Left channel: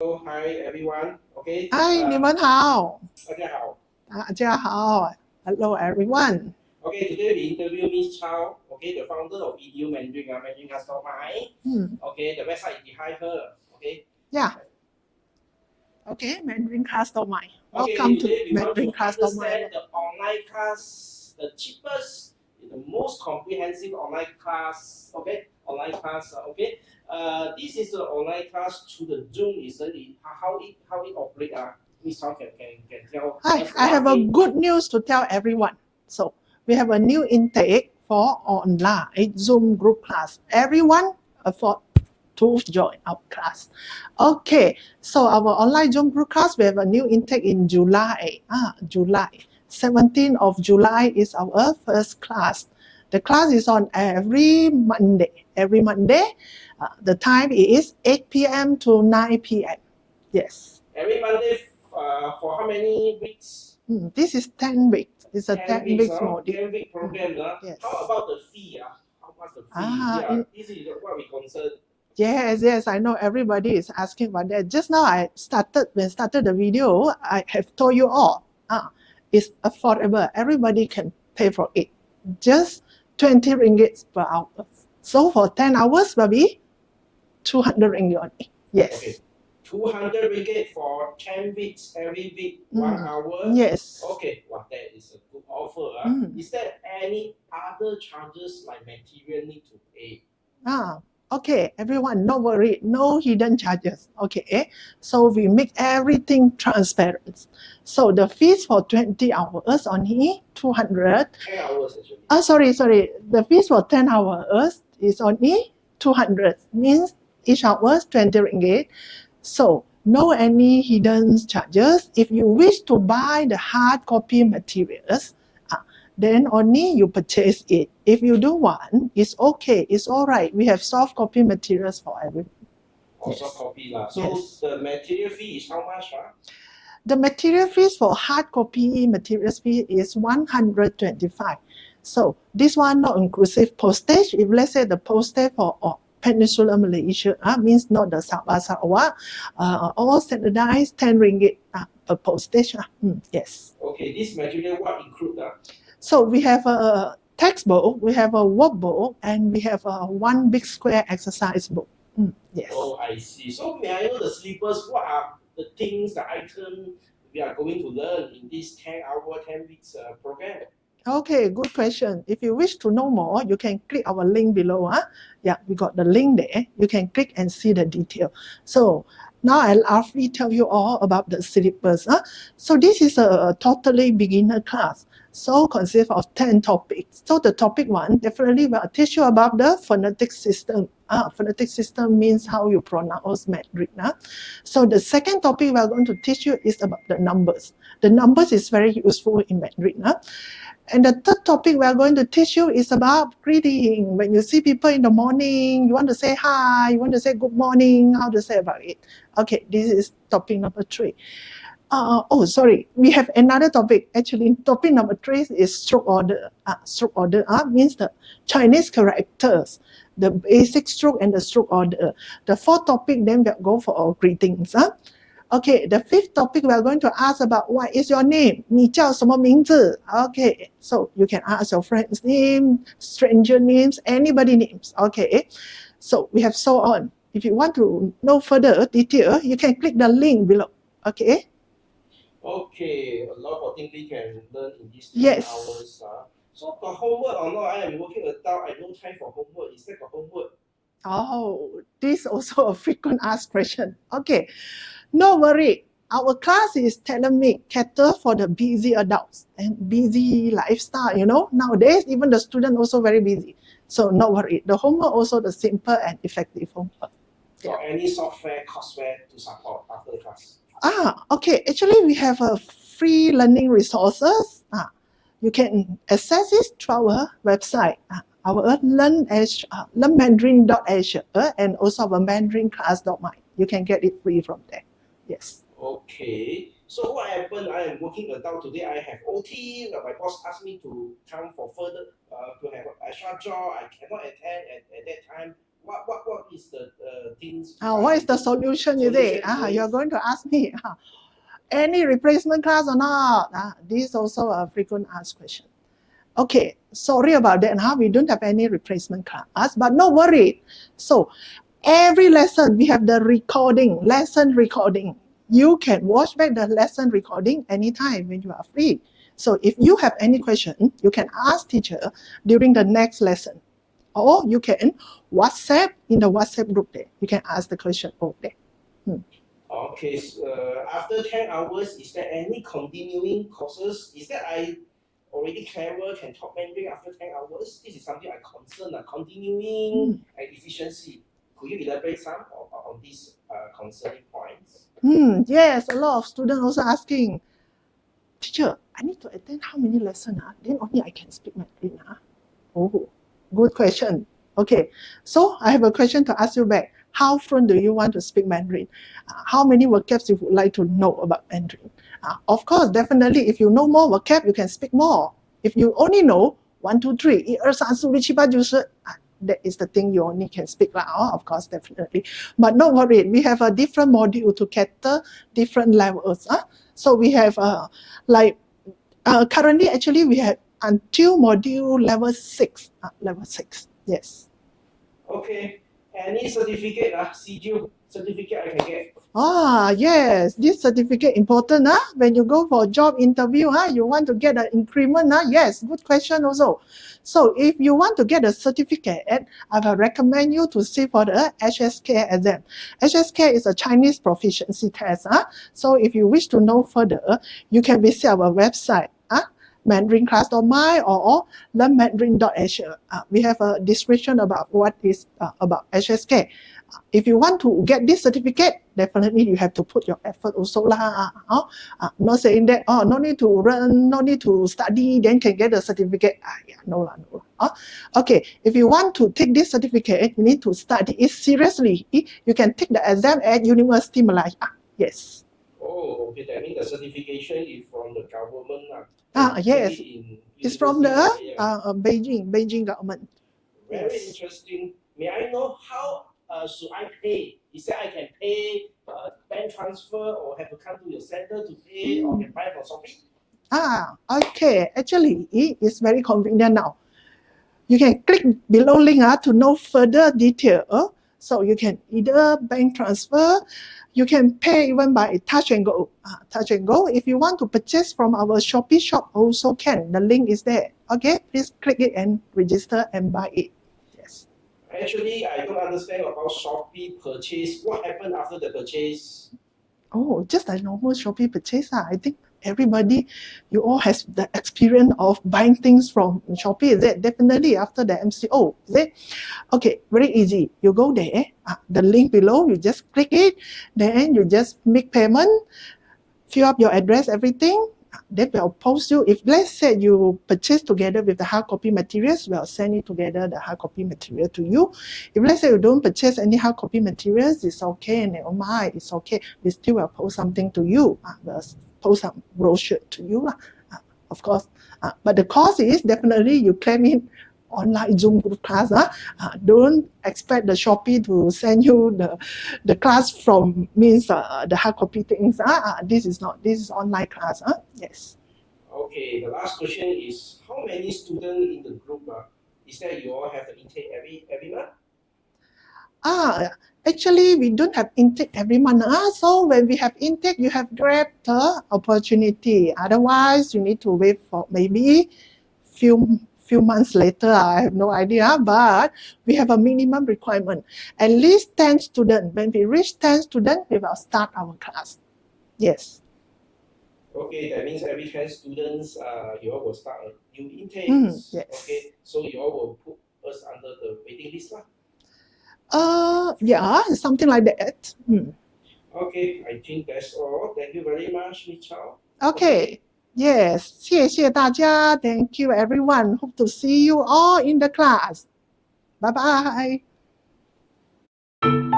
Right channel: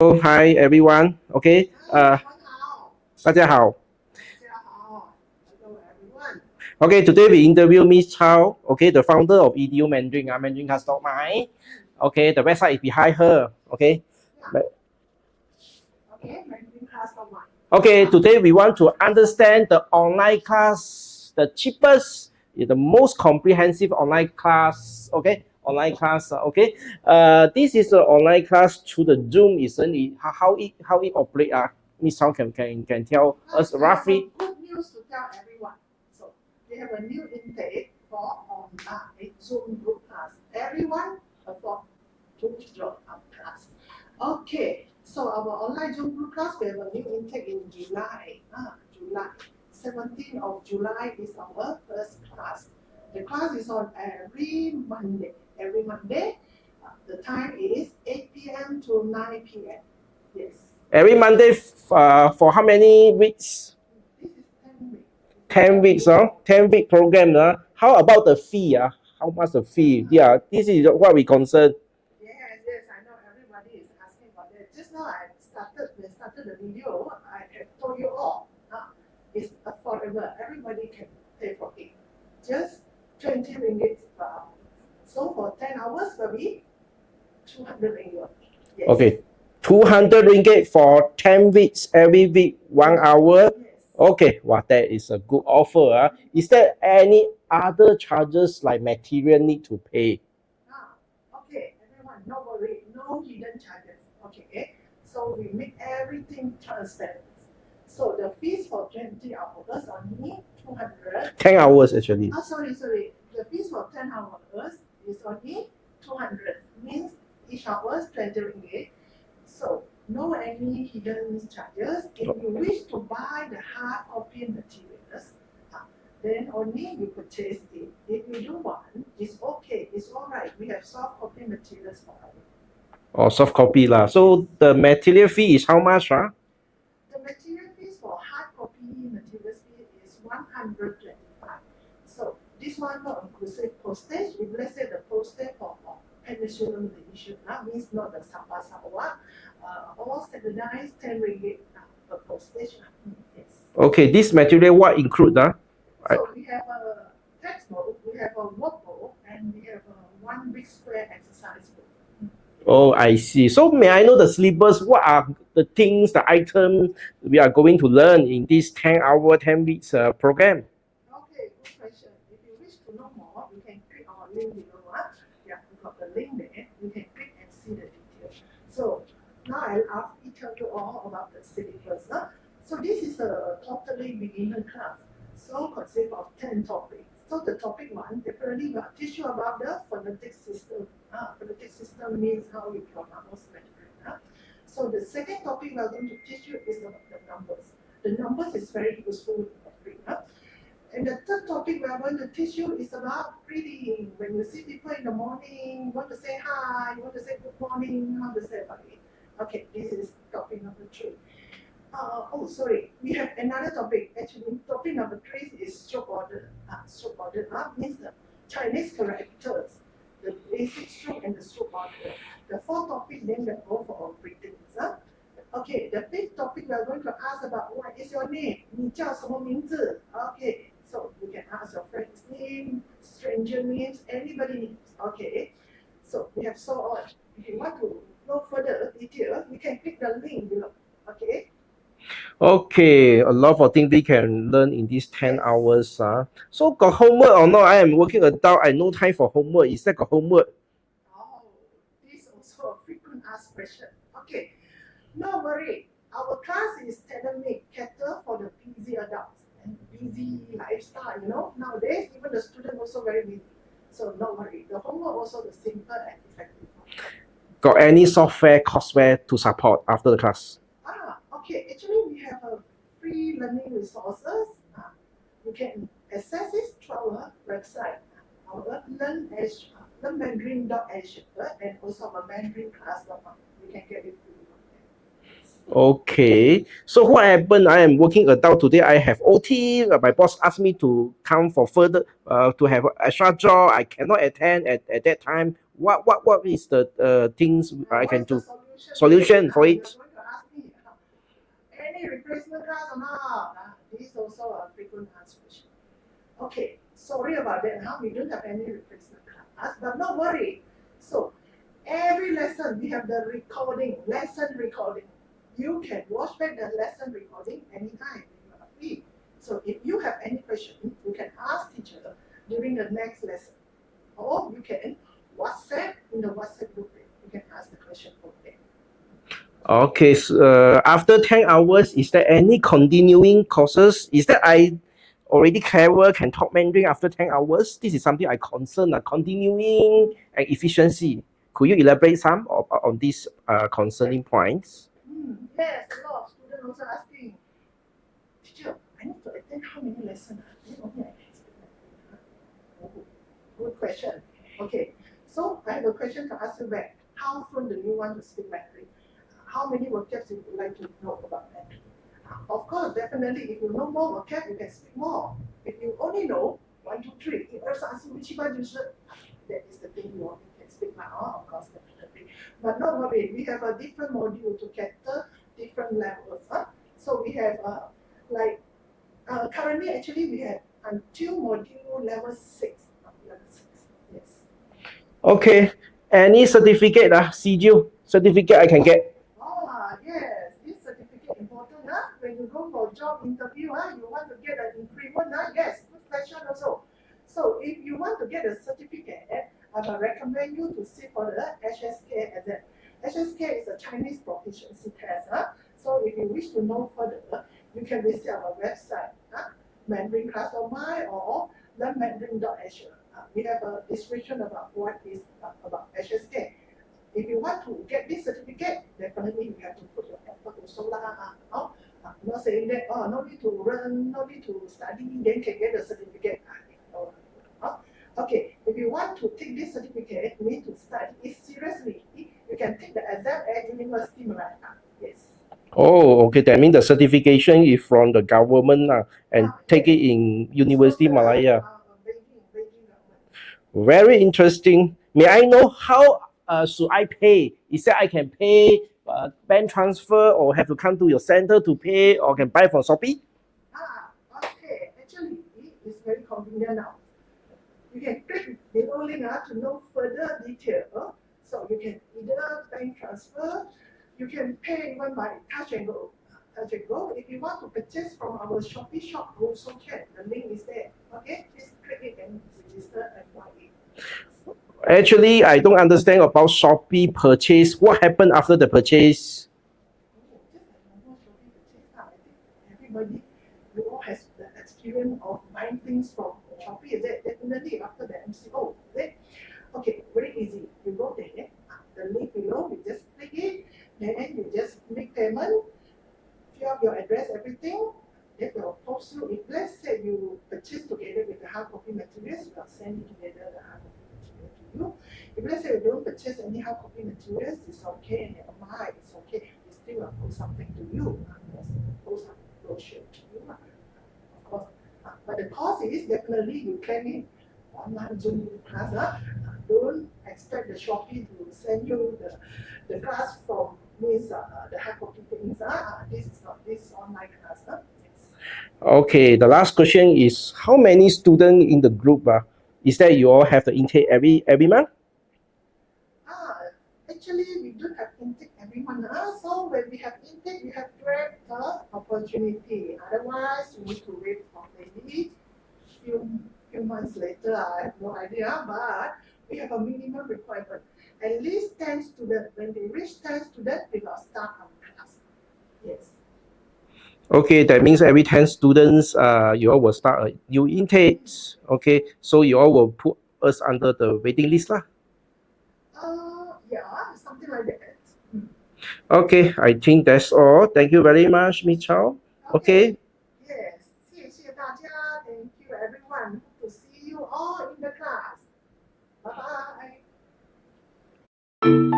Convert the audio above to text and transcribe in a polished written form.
Hi everyone. Okay. 嗨，你们好，大家好。大家好，Hello everyone. Okay, today we interview Miss Chow. Okay, the founder of EDU Mandarin. Mandarin has not mine. Okay, the website is behind her. Okay. Yeah. Okay, Mandarin class don't mind. Okay, Welcome today we want to Mandarin class don't understand mind. the online class, the cheapest, the most comprehensive online class. Okay, online class. Okay. This is an online class through the Zoom, isn't it? How it operate? Miss Chow can tell Hi, us I have a roughly. good news to tell everyone. So we have a new intake for online Zoom group class. Everyone afford to join our class. Okay, so our online Zoom group class, we have a new intake in July. July. 17th of July is our first class. The class is on every Monday. Every Monday, the time is 8 p.m. to 9 p.m. Yes. Every Monday for how many weeks? This is 10 weeks. It's a 10 weeks, module. 10-week program. Yes. How about the fee? How much the fee? This is what we concern. Yes, I know everybody is asking about that. Just now when I started the video, I have told you all, it's affordable. Everybody can pay for it. Just 20 ringgit per hour. So for 10 hours will be 200 ringgit only. Yes. Okay. 200 ringgit for 10 weeks, every week, 1 hour. Yes. Okay, wow, that is a good offer. Is there any other charges like material need to pay? Okay, everyone, no worry, no hidden charges. Okay, so we make everything transparent. So the fees for 20 hours only 200. 10 hours actually. Sorry. The fees for 10 hours is only 200. Means each hour 20 ringgit. So no any hidden charges. If you wish to buy the hard copy materials, then only you purchase it. If you don't want, it's okay, it's all right. We have soft copy materials for everyone. Soft copy lah. So Yes. the material fee is how much? The material fees for hard copy materials fee is 125. So this one not inclusive postage. If let's say the postage for Peninsular Malaysia means not the Sabah Sarawak, all standardized 10 ringgit per postage. Yes. Okay, this material what include? So we have a textbook, we have a workbook, and we have a one big square exercise book. Yes. Oh, I see. So may I know the syllabus? What are the things, the items we are going to learn in this 10-hour, 10 weeks program? Okay, good question. If you wish to know more, you can click our link below. Yeah, we got the link there. You can click and see the detail. So now I'll roughly tell you all about the syllabus. So this is a totally beginner class. So consists of 10 topics. So the topic one definitely will teach you about the phonetic system. Phonetic system means how you pronounce Mandarin. So the second topic we are going to teach you is about the numbers. The numbers is very useful in Mandarin. And the third topic we are going to teach you is about greeting. When you see people in the morning, you want to say hi, you want to say good morning, how to say about it. Okay, this is topic number 3. Sorry, we have another topic. Actually, topic number 3 is stroke order. Stroke order means the Chinese characters, the basic stroke and the stroke order. The fourth topic then we'll go for our greetings. Okay, the fifth topic we are going to ask about what is your name? 你叫什么名字? Okay, so you can ask your friend's name, stranger names, anybody names. Okay, so we have so on. If you want to know further detail, you can click the link below. Okay. Okay, a lot of things we can learn in these 10 Yes. hours. So got homework or not? I am working adult. I no time for homework. Is that got homework? Oh, this is also a frequent asked question. Okay, no worry. Our class is tailor-made, cater for the busy adults and busy lifestyle. Nowadays, even the student also very busy. So no worry. The homework also the simple and effective homework. Got any software, courseware to support after the class? Okay. Actually, we have a free learning resources. You can access it through our website. Our learnmandarin.asia and also our mandaриnclass.my. You can get it free from there. Yes. Okay. So what happened? I am working adult today. I have OT. My boss asked me to come for further to have an extra job. I cannot attend at that time. What is the things I what can is the do? solution? Solution Is it? for it. You're going to ask me any replacement class or not? This is also a frequent asked question. Okay, sorry about that. We don't have any replacement class, but no worry. So every lesson we have the recording, lesson recording. You can watch back the lesson recording anytime when you are free. So if you have any question, you can ask teacher during the next lesson, or you can WhatsApp in the WhatsApp group there. You can ask the question over there. Okay, so, after 10 hours, is there any continuing courses? Is that I already clever, can talk Mandarin after 10 hours? This is something I concern, continuing and efficiency. Could you elaborate some on these concerning points? Yes, a lot of students also asking, teacher, I need to attend how many lessons? Then only I can speak Mandarin. Oh, good question. Okay, so I have a question to ask you back. How fluent do you want to speak Mandarin? How many vocabs you would like to know about Mandarin? Of course, definitely, if you know more vocab, you can speak more. If you only know 1, 2, 3, 1, 2, 3, 4, 5, 6, 7, 8, 9, 10, that is the thing you only can speak. Of course, definitely. But don't worry, we have a different module to cater different levels. So we have currently, actually, we have until module level 6. Level 6, yes. Okay, any certificate, certificate I can get? Yes, this certificate important. When you go for job interview, you want to get an increment. Yes, good question also. So if you want to get a certificate, I will recommend you to sit for the HSK exam. HSK is a Chinese proficiency test. So if you wish to know further, you can visit our website, mandarinclass.my or learnmandarin.asia. We have a description about what is about HSK. If you want to get this certificate, definitely you have to put your effort also lah. Not saying that, no need to run, no need to study, then can get the certificate. No lah. Okay, if you want to take this certificate, you need to study it seriously. You can take the exam at University Malaya. Yes. Oh, okay. That means the certification is from the government and take yes. it in It's from University the Malaya. Beijing government. Very interesting. May I know how should I pay? Is that I can pay bank transfer or have to come to your center to pay or can buy from Shopee? Okay. Actually, it's very convenient now. You can click below link to know further detail. So you can either bank transfer, you can pay even by touch and go. Touch and go. If you want to purchase from our Shopee shop, also can. The link is there. Okay, please click it and register and buy it. Yes. Actually, I don't understand about Shopee purchase. What happened after the purchase? Oh, just a normal Shopee purchase. I think everybody, you all has the experience of buying things from Shopee. Is it? Definitely after the MCO. Is it? Okay, very easy. You go there, the link below, you just click it, then you just make payment, fill up your address, everything. They will post you. If let's say you purchase together with the hard copy materials, we'll send it together, the hard copy material to you. If let's say you don't purchase any hard copy materials, it's okay, never mind, it's okay. We still will post something to you. We'll post some brochure to you, of course. But the cost is definitely you claim it online Zoom group class. Don't expect the Shopee to send you the class from means the hard copy things. This is not. This is online class. Yes. Okay, the last question is how many students in the group? Is that you all have the intake every month? Actually, we don't have intake every month. So when we have intake, you have grabbed the opportunity. Otherwise, you need to wait for maybe few months later. I have no idea, but we have a minimum requirement. At least 10 students. When we reach 10 students, we will start our class. Yes. Okay, that means every 10 students, you all will start a new intake. Yes. Okay, so you all will put us under the waiting list lah. Yeah, something like that. Okay, I think that's all. Thank you very much, Miss Chow. Okay. Yes, 谢谢大家. Thank you, everyone. Hope to see you all in the class. Bye bye.